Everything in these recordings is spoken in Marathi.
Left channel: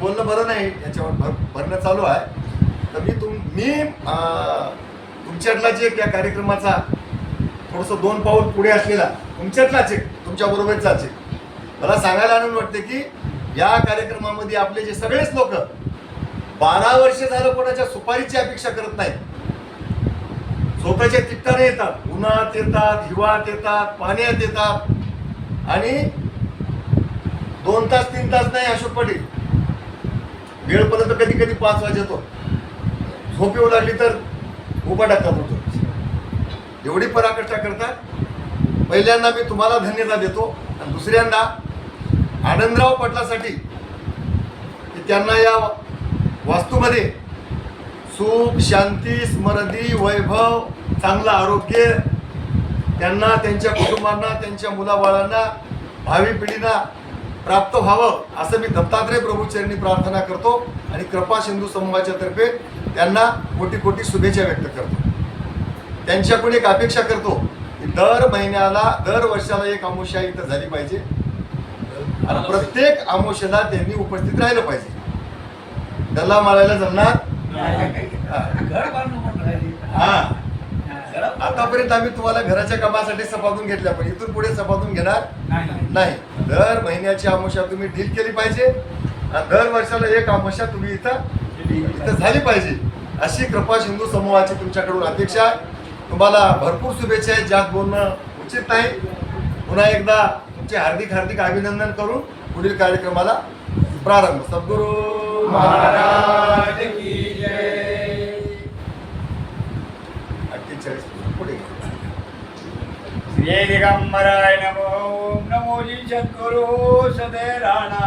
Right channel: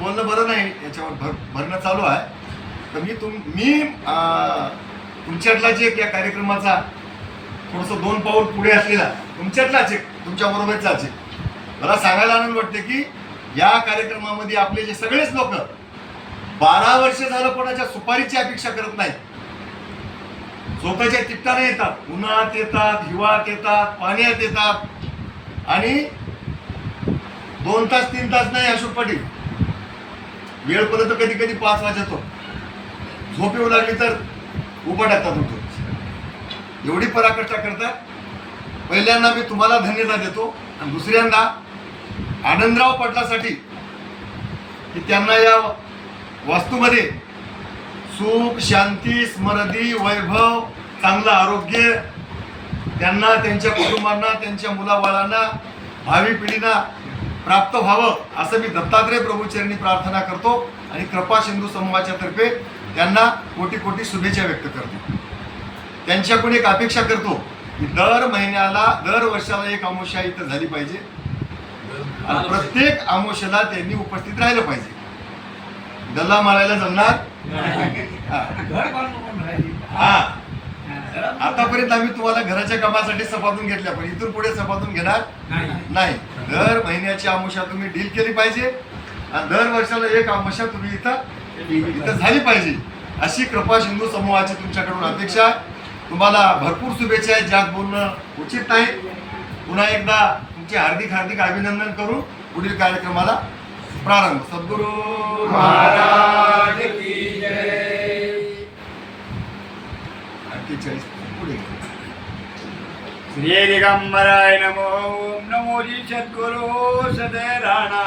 बोलणं बरं नाही, याच्यावर भरणं चालू आहे. तर मी तुमच्यातलाच एक या कार्यक्रमाचा थोडंसं 2 पाऊल पुढे असलेला तुमच्यातलाच एक, तुमच्या बरोबरचाच एक, मला सांगायला आनंद वाटते की या कार्यक्रमामध्ये आपले जे सगळेच लोक 12 वर्ष झालं कोणाच्या सुपारीची अपेक्षा करत नाहीत. स्वतःच्या तिकटाने येतात, उन्हात येतात, हिवाळ्यात येतात, पाण्यात येतात आणि 2 तास 3 तास नाही. अशोक पाटील वेळपर्यंत कधी कधी 5 वाजतो, झोप येऊ लागली तर उभा टाकतात होतो. एवढी पराकाष्ठा करतात. पहिल्यांदा मी तुम्हाला धन्यवाद देतो आणि दुसऱ्यांदा आनंदराव पाटलासाठी की त्यांना या वास्तूमध्ये सुख, शांती, समृद्धी, वैभव, चांगलं आरोग्य त्यांना, त्यांच्या कुटुंबांना, त्यांच्या मुलाबाळांना, भावी पिढींना प्राप्त व्हावं असं मी दत्तात्रय प्रभूचरणी प्रार्थना करतो आणि कृपा सिंधू समूहाच्या तर्फे त्यांना कोटी कोटी शुभेच्छा व्यक्त करतो. त्यांच्याकडून एक अपेक्षा करतो की दर महिन्याला, दर वर्षाला एक अमावस्या इथं झाली पाहिजे आणि प्रत्येक अमावस्येला त्यांनी उपस्थित राहिलं पाहिजे. गल्ला मारायला जमणार हा. आतापर्यंत आम्ही तुम्हाला घराच्या कामासाठी सपातून घेतल्या, पण इथून पुढे सपातून घेणार नाही. दर महिन्याची अमावस्या तुम्ही डील केली पाहिजे आणि दर वर्षाला एक अमावस्या तुम्ही इथं झाली पाहिजे अशी कृपा सिंधू समूहाची तुमच्याकडून अपेक्षा आहे. तुम्हाला भरपूर शुभेच्छा आहेत, ज्यात बोलणं उचित नाही. पुन्हा एकदा तुमचे हार्दिक हार्दिक अभिनंदन करून पुढील कार्यक्रमाला प्रारंभ. सद्गुरू महाराज की जय. 48 पुढे श्री दिगंबराय नमो. ओम नमो जी सद्गुरु सदय राणा.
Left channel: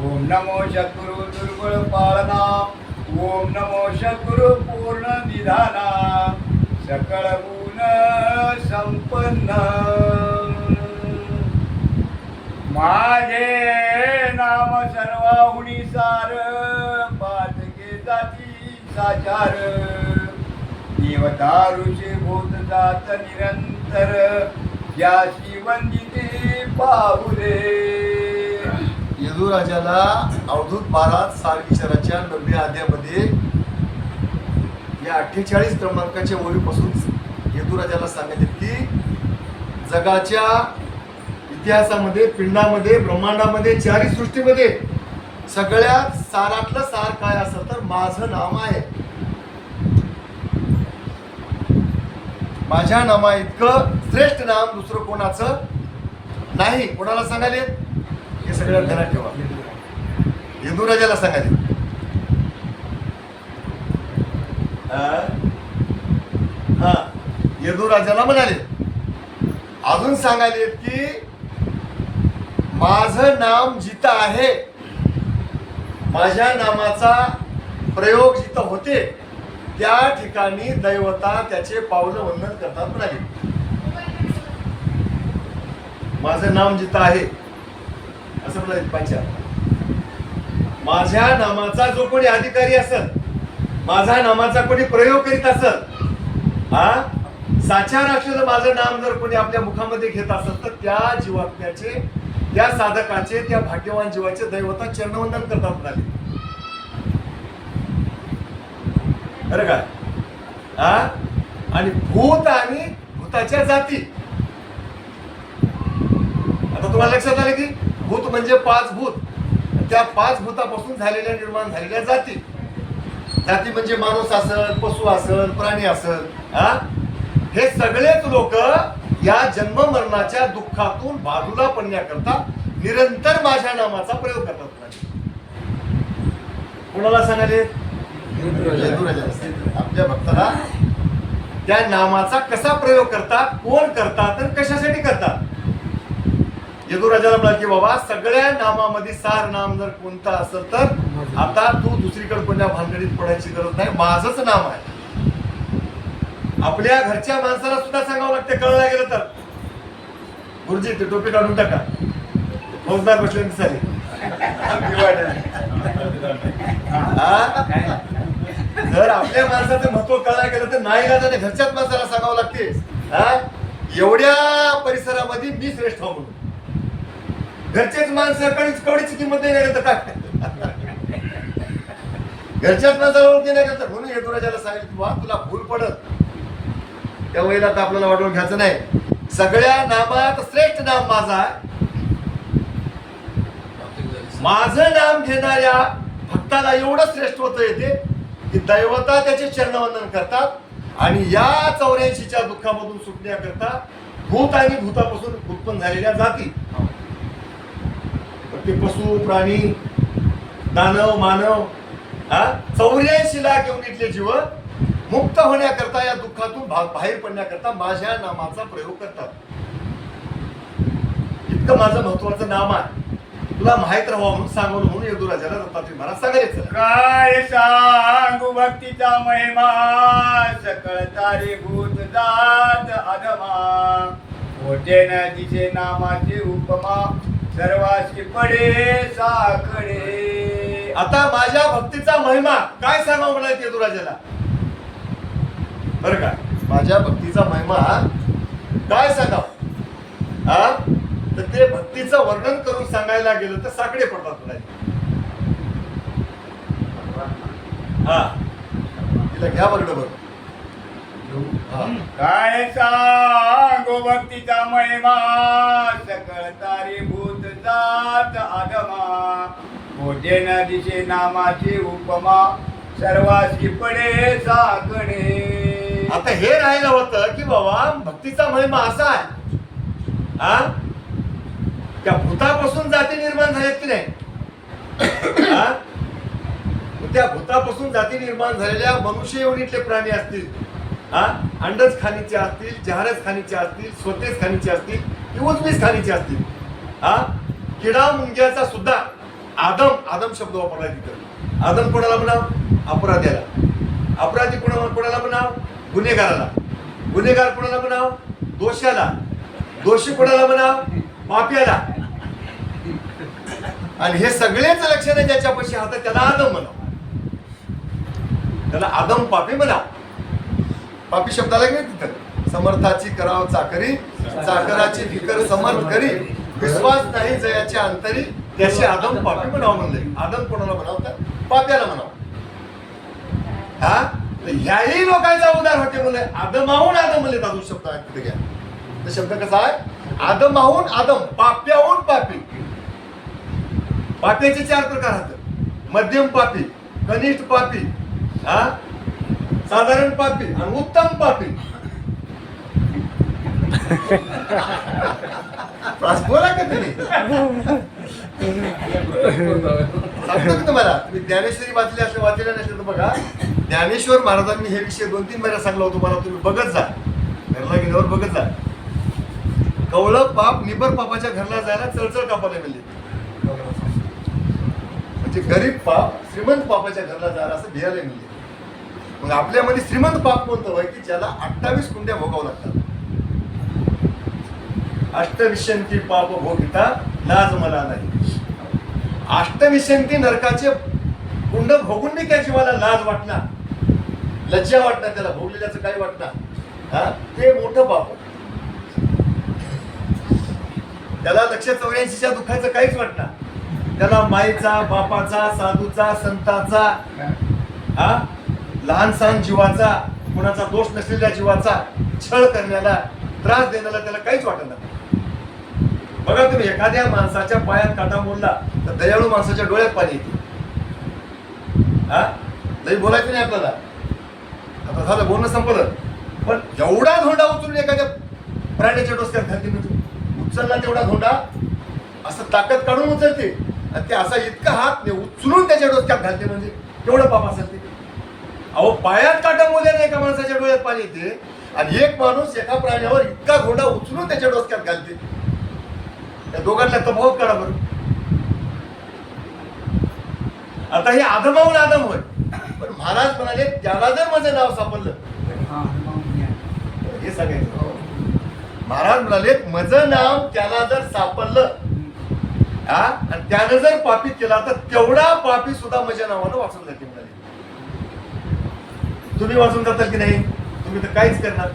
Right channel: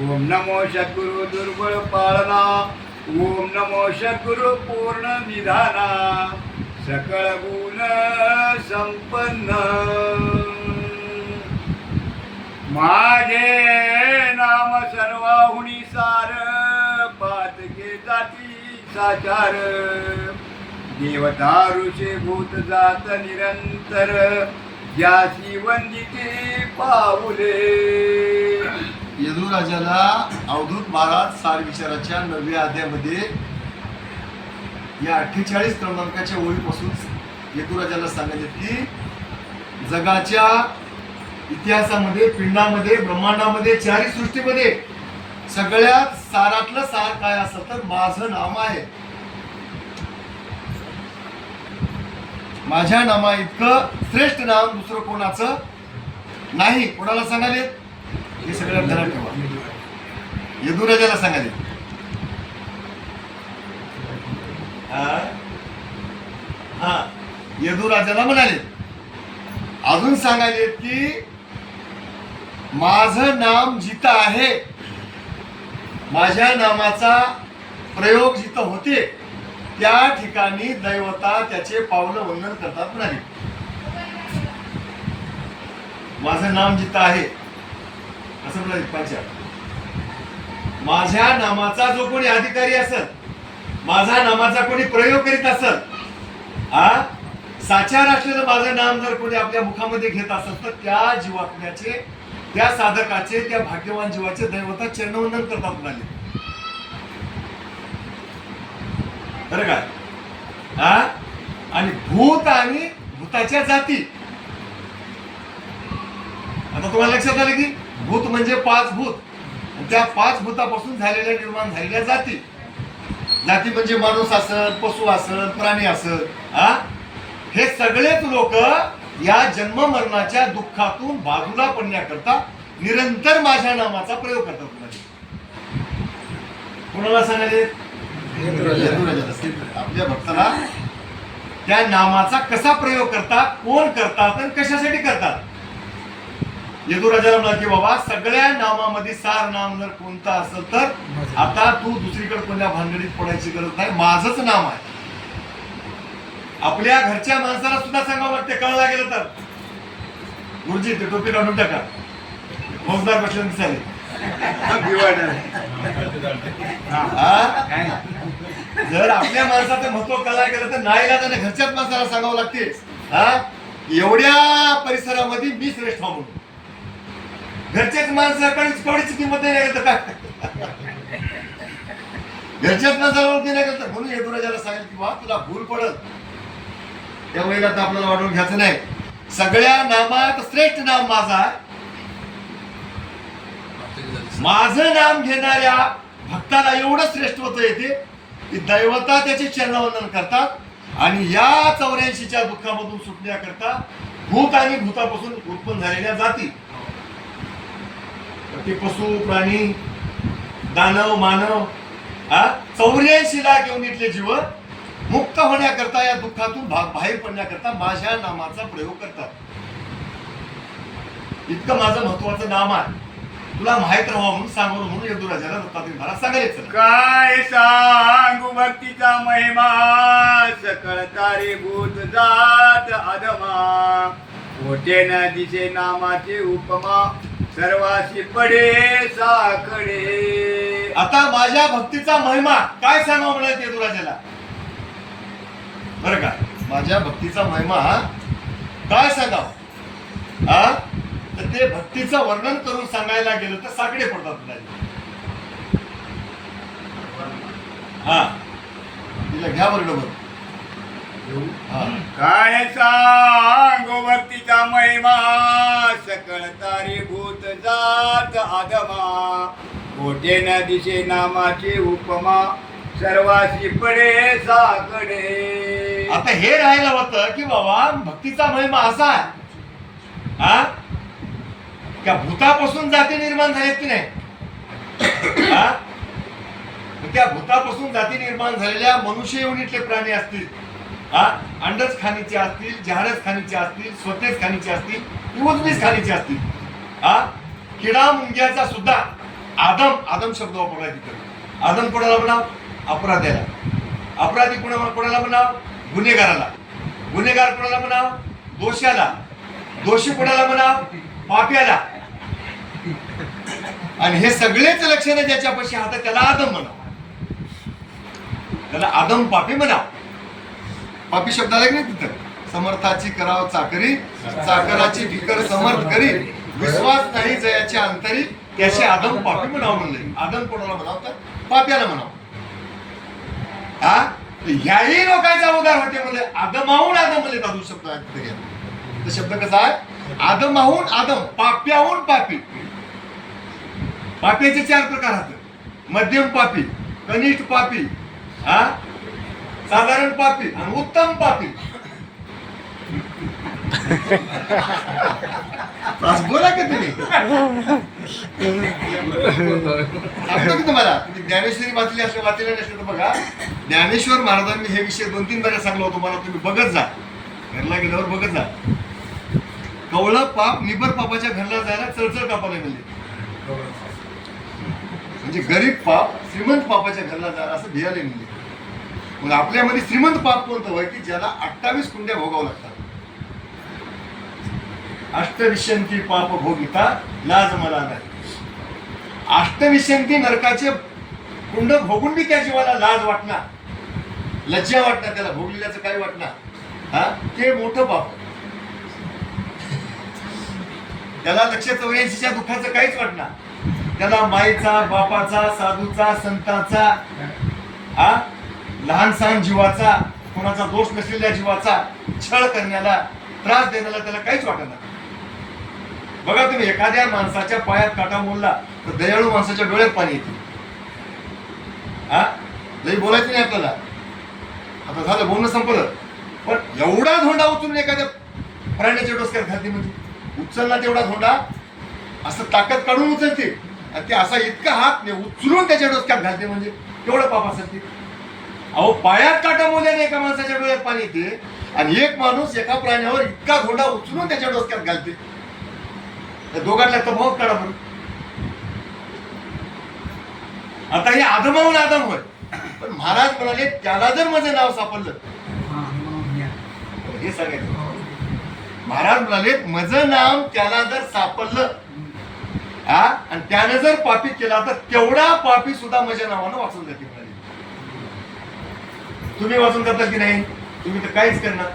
ओम नमो सद्गुरु दुर्बळ पाळना. ओम नमो सद्गुरु पूर्ण निधाना. सकळ गुण संपन्न. माझे नाम सर्वाहुनी सार. पातके जाती साचार. देवदारुचे भूत जात निरंतर. याची वंदिते पाऊले. यदुराजाला अवधूत महाराज सार विचाराच्या 9व्या अध्यायामध्ये या 48 क्रमांकाच्या ओळीपासून यदुराजाला सांगितले की जगाच्या इतिहासामध्ये, पिंडामध्ये, ब्रह्मांडामध्ये, चारी सृष्टीमध्ये सगळ्यात सारातलं सार काय असं तर माझं नाव आहे. माझ्या नामा इतकं श्रेष्ठ नाम दुसरं कोणाचं नाही. कोणाला सांगाले हे सगळ्यात ध्यानात ठेवा. यदुराजाला सांगाले. हा, यदुराजाला म्हणाले. अजून सांगायले की माझं नाम जिथं आहे, माझ्या नामाचा प्रयोग जिथं होते त्या ठिकाणी दैवता त्याचे पावलं वंदन करतात म्हणाले. माझं नाम जिथं आहे असं म्हणाले. पाच्या माझ्या नामाचा जो कोणी अधिकारी असेल, माझा नामाचा कोणी प्रयोग करीत असेल, हा साचार असलेलं माझं नाम जर कोणी आपल्या मुखामध्ये घेत असेल तर त्या जीवात्म्याचे, त्या साधकाचे, त्या भाग्यवान जीवाचे दैवता चरणवंदन करतात म्हणाले. बरं काय? हा, आणि भूत आणि भूताच्या जाती. आता तुम्हाला लक्षात आलं की भूत म्हणजे 5 भूत, त्या 5 भूतापासून झालेल्या, निर्माण झालेल्या जाती. जाती म्हणजे माणूस असेल, पशु असेल, प्राणी असेल, हा, हे सगळेच लोक या जन्म मरणाच्या दुःखातून बाजूला पडण्याकरता निरंतर माझ्या नामाचा प्रयोग करतात. कोणाला सांगाले? आपल्या भक्ताला त्या नामाचा कसा प्रयोग करतात, कोण करतात आणि कशासाठी करतात. यदुराजाला म्हणा की बाबा सगळ्या नामामध्ये सार नाम जर कोणता असेल तर आता तू दुसरीकडे कोणत्या भानगडीत पडायची गरज नाही, माझंच नाम आहे. आपल्या घरच्या माणसाला सुद्धा सांगावं लागते, कळला गेलं तर. गुरुजी ते टोपी काढून टाका, फौजदार बसले दिसाले. जर आपल्या माणसाचं महत्व कळला गेलं तर नाही त्याने घरच्याच माणसाला सांगावं लागते. हा, एवढ्या परिसरामध्ये मी श्रेष्ठ म्हणून घरचेच माणसं कवडीची किंमत नाही लागत काय. घरच्याच माणसाला ओळखी नाही करतात. म्हणून यदुराजाला सांगितलं की बा तुला भूल पडत, त्या वेळेला तर आपल्याला वाढवून घ्यायचं नाही. सगळ्या नामात श्रेष्ठ नाम माझा आहे. माझं नाम घेणाऱ्या भक्ताला एवढं श्रेष्ठत्व येते की दैवता त्याचे चरणवंदन करतात आणि या 84च्या दुःखामधून सुटण्याकरता भूत आणि भूतापासून उत्पन्न झालेल्या जाती, ते पशु प्राणी दानव मानव 84 लाख योनीतले जीव मुक्त होण्याकरता या दुःखातून बाहेर पडण्याकरता माझ्या नामाचा प्रयोग करतात. इतकं माझं महत्वाचं नाम आहे, तुला माहित राहावं म्हणून सांगवलं. म्हणून यदुराजाला दत्तात्रय महाराज सांगायचं काय सांगू भक्तीचा महिमा, सकळ तारीभूत जात अधमा, होते न दिसे नामाचे उपमा, सर्वाशी पडे साकडे. आता माझ्या भक्तीचा महिमा काय सांगावं म्हणायचं यदुराजाला, बरं काय माझ्या भक्तीचा महिमा काय सांगावं. तर ते भक्तीचं वर्णन करून सांगायला गेलं तर साकडे पडतात. हा तिला घ्या बरं बघ. काय सांगू भक्तीचा महिमा, सकळ तारीभूत जात आदमा, कोठे न दिसे नामाची उपमा, सर्वाशी पडे साकडे. आता हे राहिलं होतं की बाबा भक्तीचा महिमा असा आहे त्या भूतापासून जाती निर्माण झाल्यात की नाही. त्या भूतापासून जाती निर्माण झालेल्या मनुष्य योनीतले प्राणी असतील, अंडच खाणीचे असतील, जहारच खाणीचे असतील, स्वतेच खाणीचे असतील, उजवीच खाणीचे असतील. किडा मुंग्याचा सुद्धा आदम शब्द वापरला तिथं. आदम कोणाला म्हणाव, अपराध्याला. अपराधी कोणाला म्हणाव, गुन्हेगाराला. गुन्हेगार कोणाला म्हणाव, दोषाला. दोषी कोणाला म्हणाव, पाप्याला. आणि हे सगळेच लक्षणे ज्याच्यापाशी हातात त्याला आदम म्हणाव, त्याला आदम पापी म्हणाव. पापी शब्दाला नाही तिथं. समर्थाची कराव चाकरी, चाकराची फिकर समर्थ करी, विश्वास नाही जयाची अंतरी, त्याचे आदम पापी म्हणाव म्हणले. आदम कोणाला म्हणाव, तर पाप्याला म्हणाव. ह्याही लोकांचा उदार होते म्हणले. आदमाहून आदम म्हणले दादू शब्द आहे तिथे घ्या. तो शब्द कसा आहे, आदमाहून आदम, पाप्याहून पापी. पाप्याचे 4 प्रकार आहेत. मध्यम पापी, कनिष्ठ पापी, साधारण पापी आणि उत्तम पापी. बोला का तुम्ही, सांगतो की तुम्हाला. तुम्ही ज्ञानेश्वरी वाचली असले, वाचलेल्या नसेल तर बघा. ज्ञानेश्वर महाराजांनी हे विषय 2-3 वेळा सांगला होतो मला. तुम्ही बघत जा, घरला गेल्यावर बघत जा. कवळं पाप निबर पापाच्या घरला जायला चळचळ कापायला मिळते. म्हणजे गरीब पाप श्रीमंत पापाच्या घरला जायला असं भियायला मिळते. मग आपल्यामध्ये श्रीमंत पाप कोणतं होय की ज्याला 28 कुंड्या भोगावं लागतात. अष्टविशंती पाप भोगिता लाज मला नाही. अष्टविशंती नरकाचे कुंड भोगून बी त्या जीवाला लाज वाटणार, लज्जा वाटणार, त्याला भोगलेल्याचं काय वाटणार, ते मोठं पाप. त्याला 184च्या दुःखाचं काहीच वाटणार. त्याला माईचा, बापाचा, साधूचा, संताचा, लहान सहान जीवाचा, कोणाचा दोष नसलेल्या जीवाचा छळ करण्याला, त्रास देण्याला त्याला काहीच वाटत नाही. बघा तुम्ही एखाद्या माणसाच्या पायात काटा मोडला तर दयाळू माणसाच्या डोळ्यात पाणी येते. लई बोलायचं नाही आपल्याला. आता झालं, बोलणं संपलं. पण एवढा धोंडा उचलून एखाद्या प्राण्याच्या डोसक्यात घालते, म्हणजे उचलला तेवढा धोंडा असं ताकद काढून उचलते आणि ते असा इतका हात उचलून त्याच्या डोसक्यात घालते, म्हणजे केवढं पाप असेल ते. अहो, पायात काटा मोडल्याने एका माणसाच्या डोळ्यात पाणी येते आणि एक माणूस एका प्राण्यावर इतका धोंडा उचलून त्याच्या डोसक्यात घालते. या दोघांना तफावत काढा बरं. आता हे आदमाहून आदम होय, पण महाराज म्हणाले त्याला जर माझं नाव सापडलं, हे सांगायचं. महाराज म्हणाले माझं नाव त्याला जर सापडलं आणि त्याने जर पापी केला तर तेवढा पापी सुद्धा माझ्या नावानं वाचून जाते म्हणाले. तुम्ही वाचून जाताल की नाही? तुम्ही तर काहीच करणार.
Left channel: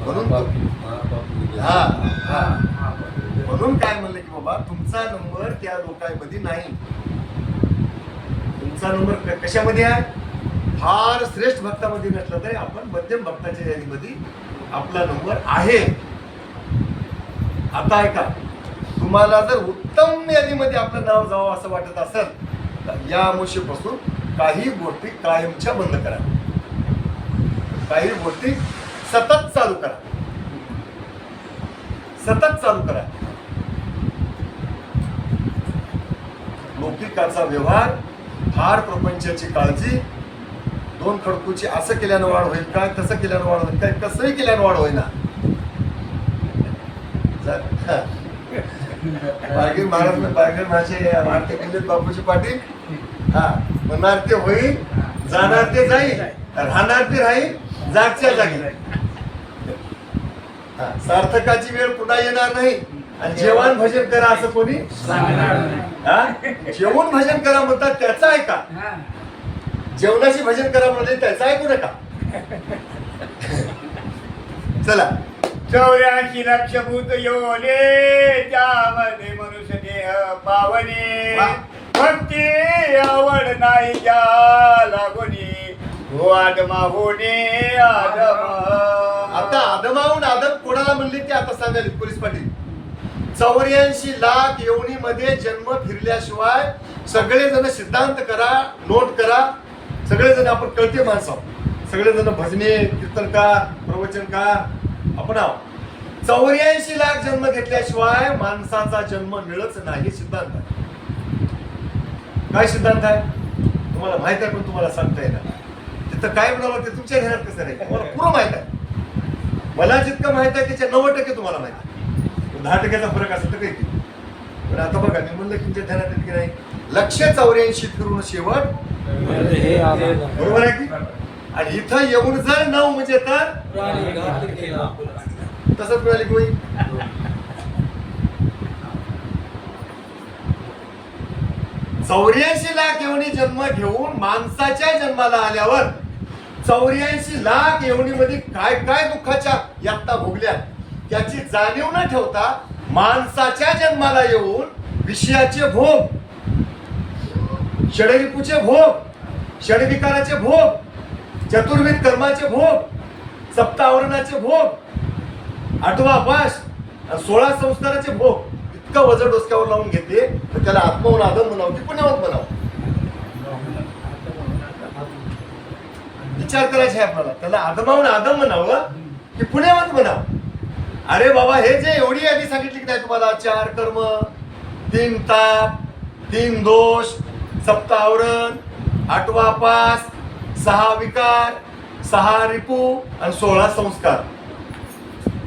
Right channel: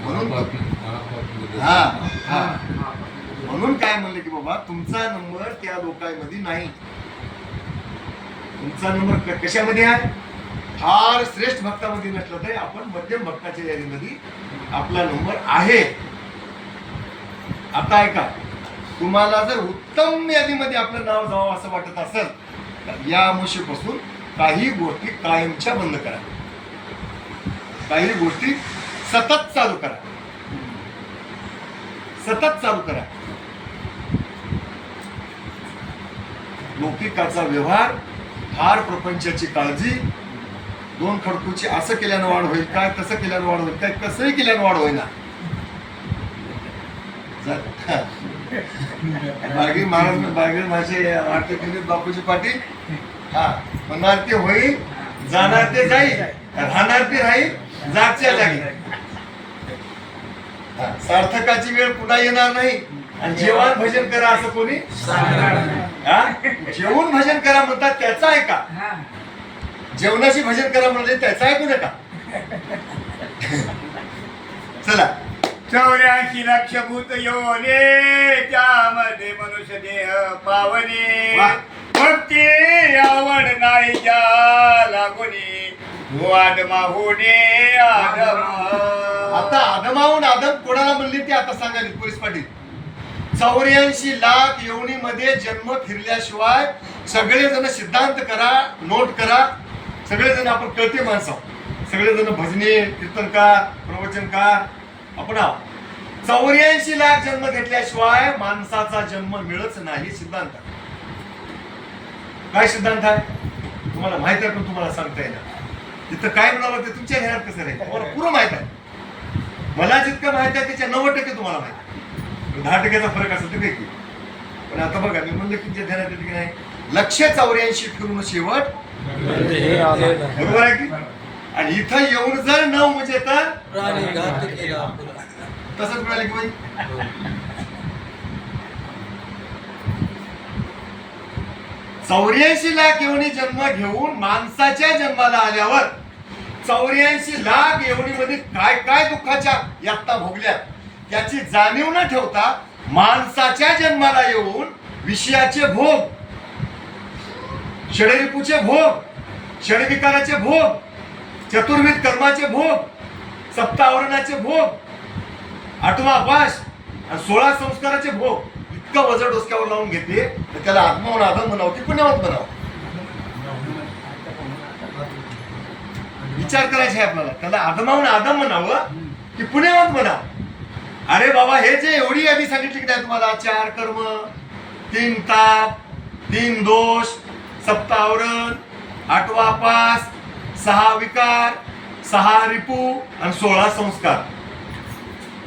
म्हणून म्हणून काय म्हणलं की बाबा तुमचा नंबर त्या लोकांमध्ये नाही. तुमचा नंबर कशामध्ये आहे? फार श्रेष्ठ भक्तामध्ये नसलं तरी आपण मध्यम भक्ताच्या यादीमध्ये आपला नंबर आहे. आता ऐका, तुम्हाला जर उत्तम यादीमध्ये आपलं नाव जावं असं वाटत असेल तर या अमावस्येपासून काही गोष्टी कायमच्या बंद करा, काही गोष्टी सतत चालू करा, सतत चालू करा. लौकिकाचा व्यवहार, फार प्रपंचाची काळजी, दोन खडकूची असं केल्यानं वाढ होईल काय, तसं केल्यानं वाढ होईल काय, कसंही केल्यानं वाढ होईना. बाळगी महाराज बाळगण माझे वाटते पंडित बापूजी पाटील. हा, म्हणणार ते होईल, जाणार ते जाईल, राहणार ते राहील जागच्या जागी. सार्थकाची वेळ पुन्हा येणार नाही. आणि जेवण भजन करा असं कोणी सांगणार नाही. जेवण भजन करा म्हणतात त्याचा ऐका, जेवणाची भजन करा म्हणजे त्याचा ऐकू नका. चला, 84 लक्ष भूत योने त्यामध्ये मनुष्य देह पावने, भक्ती आवड नाही ज्या लागोनी आदमा होणे आदम. आता आदमाहून आदम कोणाला म्हणले ते आता सांगाल पोलीस पाटील. 84 लाख योनीमध्ये जन्म फिरल्याशिवाय सगळेजण सिद्धांत करा, नोट करा. सगळेजण आपण कळते माणसं, सगळेजण भजने, कीर्तनकार, प्रवचनकार आपण आहोत. 84 लाख जन्म घेतल्याशिवाय माणसाचा जन्म मिळत नाही सिद्धांत. काय सिद्धांत आहे तुम्हाला माहित आहे, पण तुम्हाला सांगता येणार. तिथं काय म्हणावं ते तुमच्या ध्यानात कसं नाही, तुम्हाला पुरं माहित आहे. मला जितकं माहित आहे त्याच्या 90% तुम्हाला माहित आहे. 10% फरक असं तर काही. पण आता बघा, मी म्हणलं तुमच्या ध्यानात येते की नाही, 184 फिरून शेवट बरोबर आहे की. आणि इथं येऊन जर 9 म्हणजे तर तसंच मिळाले की होईल. 84 लाख योनी जन्म घेऊन माणसाच्या जन्माला आल्यावर 84 लाख योनीमध्ये काय काय दुःखाच्या यातना भोगल्या त्याची जाणीव न ठेवता माणसाच्या जन्माला येऊन विषयाचे भोग, षडरिपूचे भोग, षडविकाराचे भोग, चतुर्विध कर्माचे भोग, सप्तावरणाचे भोग, 8वा पाश, 16 संस्काराचे भोग, इतकं वजन डोसक्यावर लावून घेतले तर त्याला आत्महून आदम म्हणावं की पुण्यवंत म्हणावं. विचार करायचे आहे आपल्याला, त्याला आदमाहून आदम म्हणावं की पुण्यवंत म्हणावं. अरे बाबा, हे जे एवढी यादी सांगितली की नाही तुम्हाला, 4 कर्म, 3 ताप, 3 दोष, सप्तावरण, 8वा पास, 6 विकार, 6 रिपू आणि 16 संस्कार,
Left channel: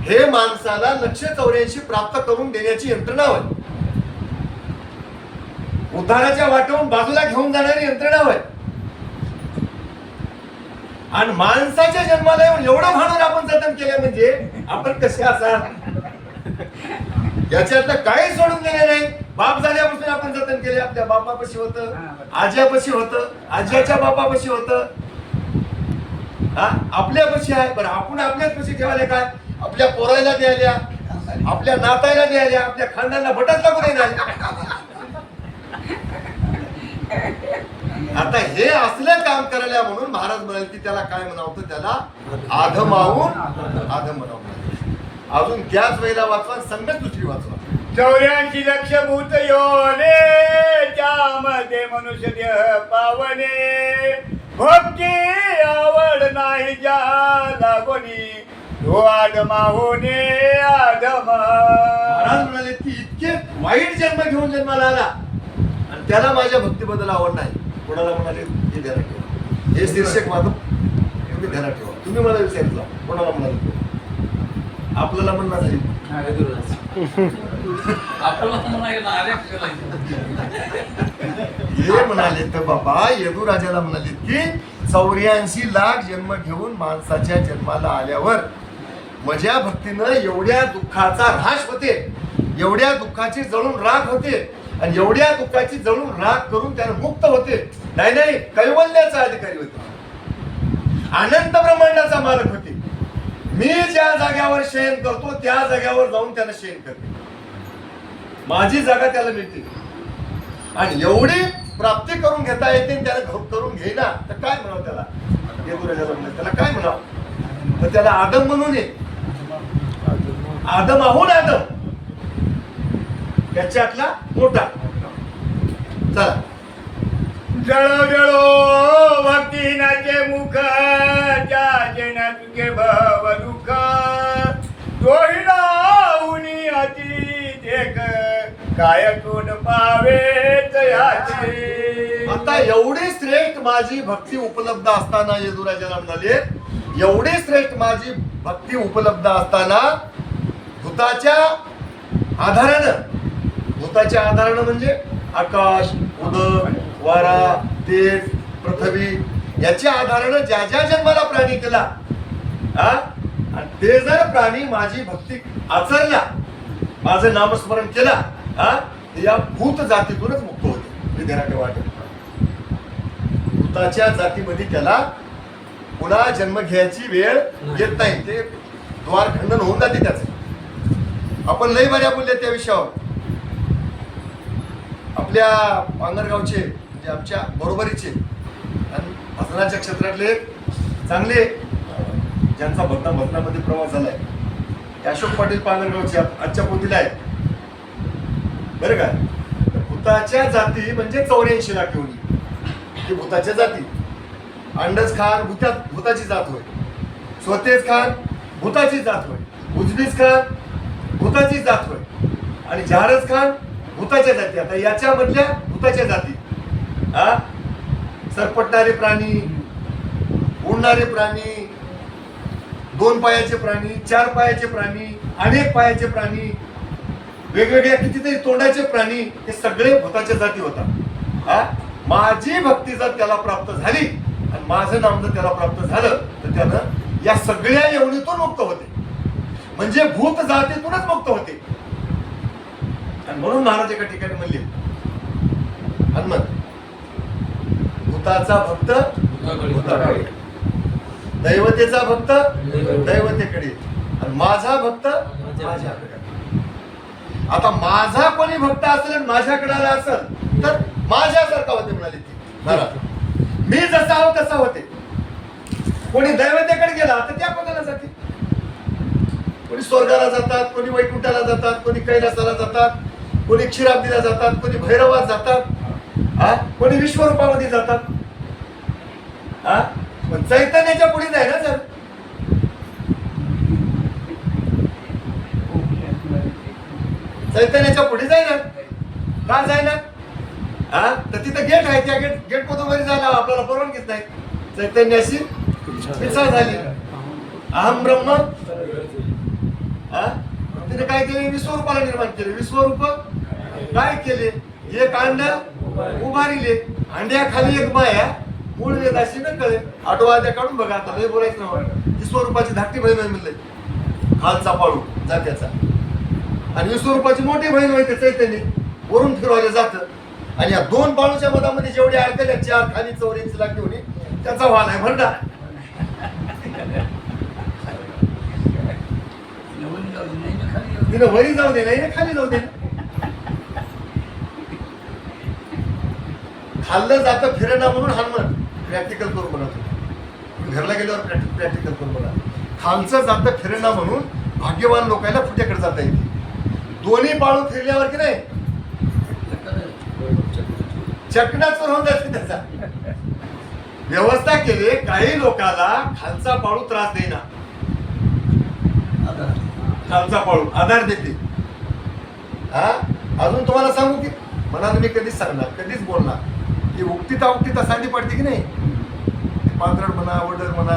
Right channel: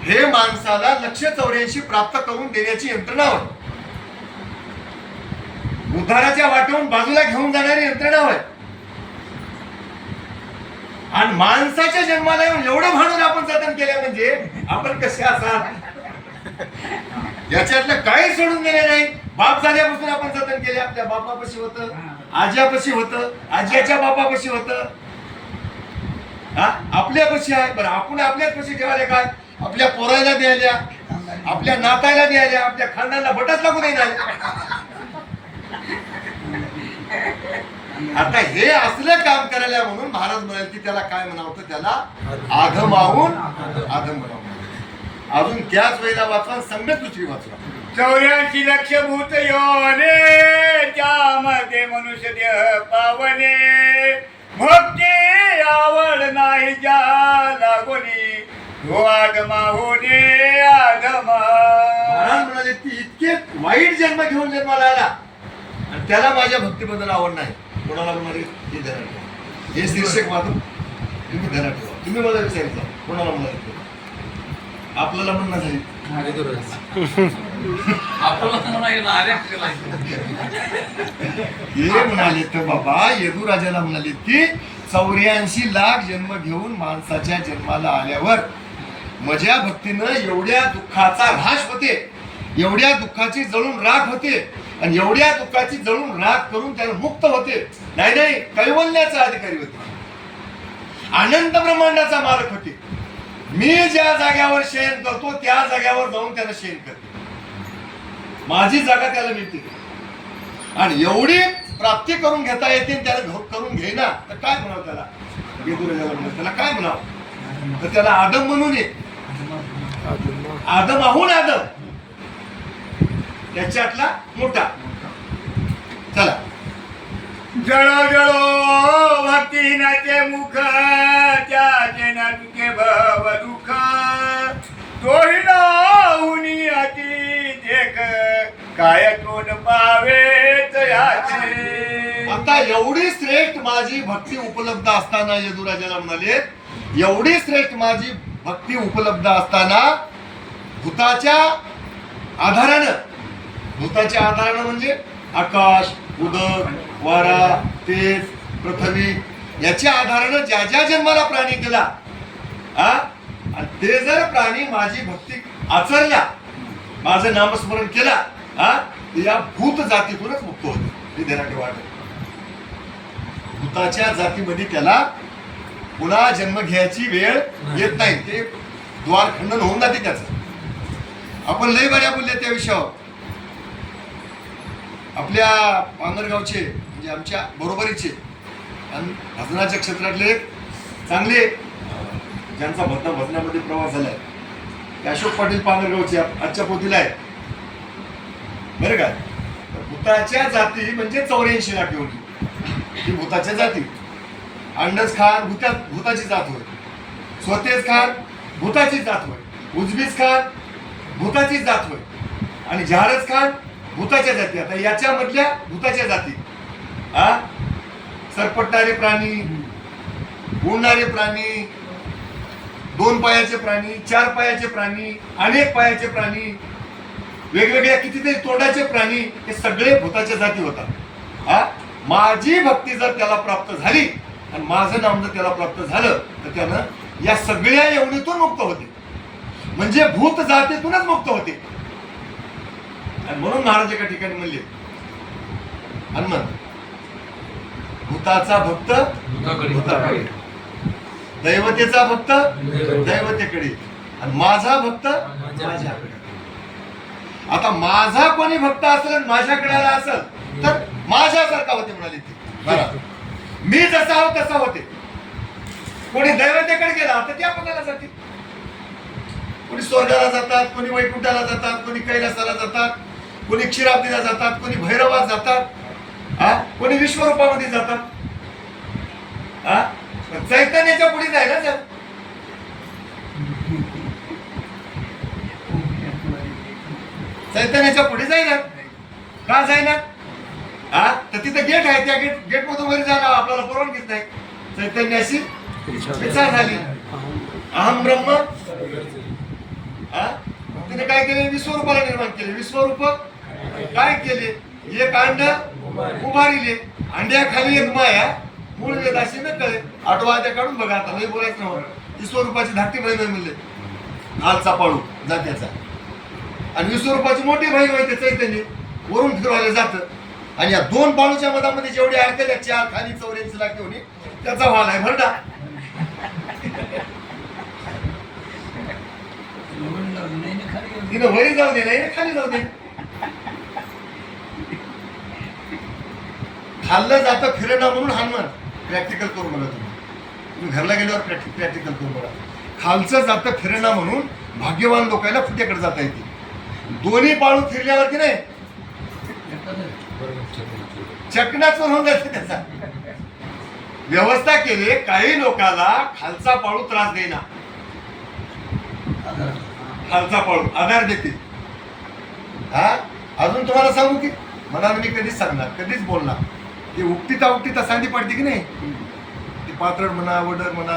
हे माणसाला 184 प्राप्त करून देण्याची यंत्रणा होय. उद्धाराच्या वाटेवरून बाजूला घेऊन जाणारी यंत्रणा होय. आणि माणसाच्या जन्माला येऊन एवढं भांडून आपण जतन केलं म्हणजे आपण कसे असा, याच्यातलं काही सोडून गेले नाही. बाप झाल्यापासून आपण जतन केले. आपल्या बापापाशी होतं, आज्यापाशी होतं, आज्याच्या बापापाशी होतं, आपल्यापाशी आहे. बरं, आपण आपल्याच पाशी ठेवायला काय, आपल्या पोरायला द्यायला, आपल्या नातायला द्यायला, आपल्या खानदानाला भटच लागू नाही. आता हे असलं काम करायला म्हणून महाराज म्हणाले की त्याला काय म्हणावं, त्याला आधमाहून आधम म्हणावं. अजून त्याच वेळेला वाचवा, संगत दुसरी वाचवा. 84 लक्ष भूत योने त्यामध्ये मनुष्य देह पावने, भक्ती आवड नाही ज्या लागोनी आदमा होणे आदमा. महाराज म्हणाले की इतके वाईट जन्म घेऊन जन्माला आला आणि त्याला माझ्या भक्तीबद्दल आवड नाही. कोणाला म्हणाले हे ध्यानात ठेवा, हे शीर्षक माझं तुम्ही ध्यानात ठेवा. तुम्ही मला विचारितला कोणाला म्हणाले, आपल्याला म्हणणार झाली हे म्हणाले तर बाबा यदुराजाला म्हणाले की 84 लाख जन्म घेऊन माणसाच्या जन्माला आल्यावर माझ्या भक्तीनं एवढ्या दुःखाचा ऱ्हास होते, एवढ्या दुःखाची जळून राख होते आणि एवढ्या दुःखाची जळून राख करून त्याला मुक्त होते. नाही नाही, कैवल्याचा अधिकारी होते, अनंत ब्रह्मांडाचा मालक होते. मी ज्या जाग्यावर शयन करतो त्या जाग्यावर जाऊन त्याला शयन करते, माझी जागा त्याला मिळते. आणि एवढी प्राप्ती करून घेता येते आणि त्याला करून घेईना तर काय म्हणावं त्याला? त्याला काय म्हणावं? तर त्याला आदम म्हणून ये. आदम आहोन आदम त्याच्यातला मोठा. चला. जळो जळो भक्तीनाचे मुख त्या जना तुझे भव दुःख तोही लावूनी अति देख काय कोण पावे तयाचे. आता एवढी श्रेष्ठ माझी भक्ती उपलब्ध असताना यदुराजाला म्हणाले, एवढी श्रेष्ठ माझी भक्ती उपलब्ध असताना भूताच्या आधारानं म्हणजे आकाश, उदक, वारा, तेज, पृथ्वी याच्या आधारानं ज्या ज्या जन्माला प्राणी केला, आणि ते जर प्राणी माझी भक्ती आचरल्या, माझं नामस्मरण केला, या भूत जातीतूनच मुक्त होते. हे ध्यानात वाटत. भूताच्या जातीमध्ये त्याला पुन्हा जन्म घ्यायची वेळ येत नाही. ते द्वार खंडन होऊन जाते त्याचं. आपण लय बऱ्या बोलले त्या विषयावर. आपल्या पांगरगावचे म्हणजे आमच्या बरोबरीचे आणि भजनाच्या क्षेत्रातले चांगले ज्यांचा भजनामध्ये प्रवास झालाय ते अशोक पाटील पांगरगावचे आजच्या पोतीला आहे बरं का. भूताच्या जाती म्हणजे 84 लाख एवढी ही भूताच्या जाती. अंडज खान भूताची जात होय, स्वतेज खान भूताची जात होय, उजबीज खान भूताची जात होय आणि जहारज खान भूताच्या जाती. आता याच्यामधल्या भूताच्या जाती सरपटणारे प्राणी, उडणारे प्राणी, 2 पायाचे प्राणी, 4 पायाचे प्राणी, अनेक पायाचे प्राणी, वेगवेगळ्या कितीतरी तोंडाचे प्राणी, हे सगळे भूताच्या जाती होतात. माझी भक्ती जर त्याला प्राप्त झाली आणि माझं नाम जर त्याला प्राप्त झालं तर त्यानं या सगळ्या एवढीतून मुक्त होते. म्हणजे भूत जातीतूनच मुक्त होते. आणि म्हणून महाराज एका ठिकाणी म्हणले, हनुमंत भूताचा भक्त भूताकडे, दैवतेचा भक्त दैवतेकडे, आणि माझा भक्त माझ्याकडे. आता माझा कोणी भक्त असेल आणि माझ्याकडे आला असेल तर माझ्यासारखा होते म्हणाले ते महाराज. मी जसा आहो तसा होते. कोणी दैवतेकडे गेला तर त्या पदाला जाते. कोणी स्वर्गाला जातात, कोणी वैकुंठाला जातात, कोणी कैलासाला जातात, कोणी क्षीराब्दीला जातात, कोणी भैरवात जातात, कोणी विश्वरूपामध्ये जातात. पण चैतन्याच्या पुढे जाय ना सर. चैतन्याच्या पुढे जाईना का जाईना? तर तिथं गेट आहे, त्या गेट मधून वरी जाणार आपल्याला परवानगीच नाही. चैतन्याशी इच्छा झाली अहम ब्रह्म. तिने काय केले? विश्वरूपाला निर्माण केले. विश्वरूप काय केले? एक अंड उभारिले, अंड्याखाली एक माया, मूळ वेद अशी न कळे. 8वा अध्याय काढून बघा. आता नाही बोलायचं ना. विश्वरूपाची धाकटी बहीण मिळले खालचा पाळू जात्याचा, आणि विश्वरूपाची मोठी बहीण होते चैतन्य, वरून फिरवायला जातं. आणि या 2 बाळूच्या मधामध्ये जेवढे आहेत त्या 4 खाली 84 लाख घेऊन त्याचा वाल आहे भरडा. तिनं वरी जाऊ दे नाही ना खाली जाऊ दे. खाल्लं जातं फिरेना म्हणून हनुमान प्रॅक्टिकल करू बघा. तुम्ही घरला गेल्यावर प्रॅक्टिकल करू बघा. खालचं जातं फिरेना म्हणून भाग्यवान लोकांना फुट्याकडे जाता येते. दोन्ही बाळू फिरल्यावरती नाही चकनाच होऊन जाते. त्याचा व्यवस्था केली. काही लोकांना खालचा पाळू त्रास देईना, खालचा पाळू आधार देते. अजून तुम्हाला सांगू की मनाला मी कधीच सांगणार, कधीच बोलणार. ती उक्तीता सांदी पडते की नाही, पात्रड म्हणा, वडर म्हणा,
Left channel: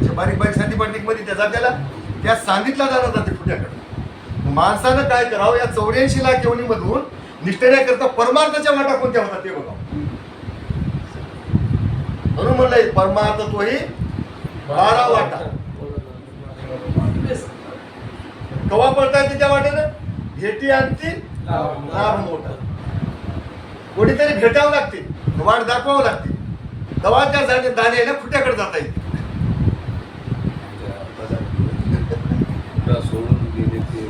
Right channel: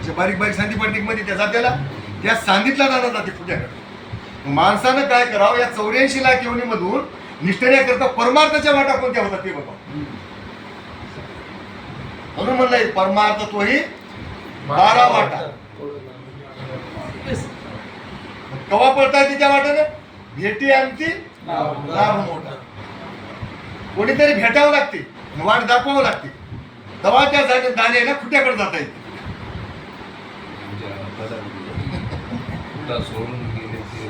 अशा बारीक बारीक सांदी पडते मध्ये त्या जात्याला त्या सांदीतला जाणार जाते फुट्याकडे. माणसानं काय करावं? या 84 लाख योनीमधून निष्ठेण्याकरता परमार्थाच्या वाटा कोणत्या होतात ते बघा. म्हणून म्हणलंय परमार्थ तोही 12 वाटा. कवा पळता येते त्या वाटेनं? भेटी आणती लाभ मोठा. कोणीतरी भेटावं लागते, वाट दाखवावं लागते, तेव्हा त्या दाण्याला फुट्याकडे जाता येते. सोडून गेले ते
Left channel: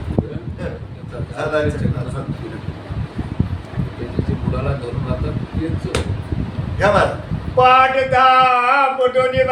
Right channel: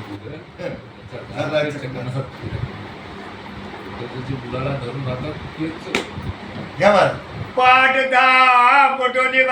मुलाला धरून राहतात तेच घ्या महाराज पाठ दा पटोनी